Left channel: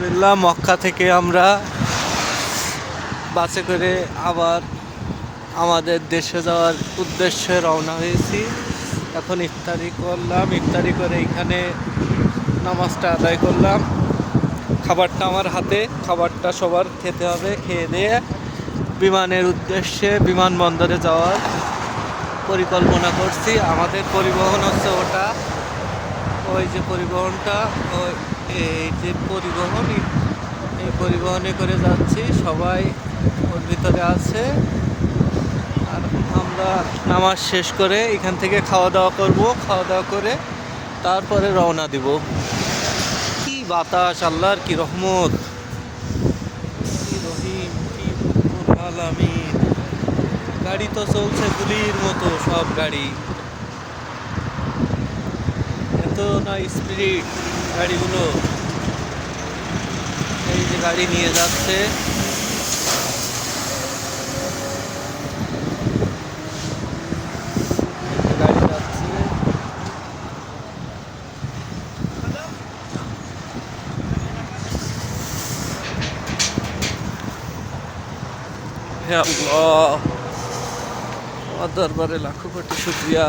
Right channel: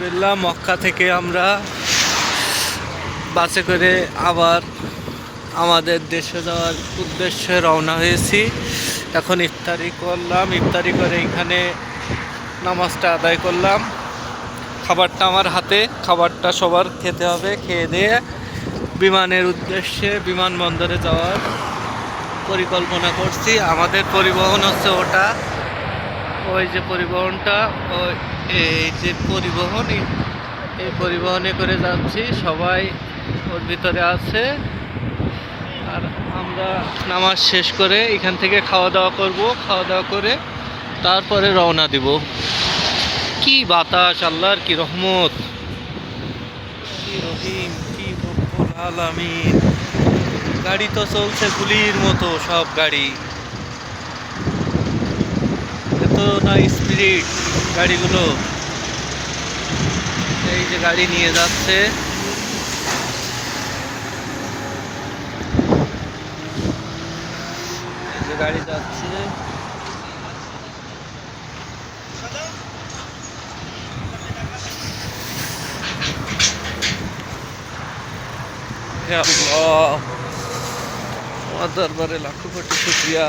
আলহামদুলিল্লাহ মক্কা থেকে আমরা বাসে করে আবার আমাদের দেশে যাওয়ার উদ্দেশ্যে রওনা হয়েছি। এখন ইফতারি করলাম, ইফতারি করে এখানে নামাজটা আদায় করলাম। খাবারটা আমার হাতে, খাবারটা সবার খেতে হবে। খেয়ে দিয়ে বিমানের উদ্দেশ্যে বিমানবন্দরে যাওয়ার পরিকল্পনা করছি। আমাদের পরিবহন হচ্ছে ওটা, ওই যে পরিবহনটা, ওই এই যে পরিবহন, এই পরিবহনে করে যাচ্ছি। সবাই ওর ভিতরে আছে। আর আমরা নামাজ শেষ করে এখান থেকে খাওয়া দাওয়া করব। খাওয়া দাওয়া করে তারপরে রওনা দিব। কি বাতাস, আল্লাহর কি রহমত, কি রহিম, কি রব্বুল আলামিন। গাড়ি তো চলছে গুলির মতো, সব গাড়ি এত না স্পিড গাড়িগুলো। এই যে গাড়ি নিয়ে যাচ্ছে, এই যে গাড়ি যাচ্ছে। হে আল্লাহ, তোমার দরবারে লাখো কোটি শুকরিয়া।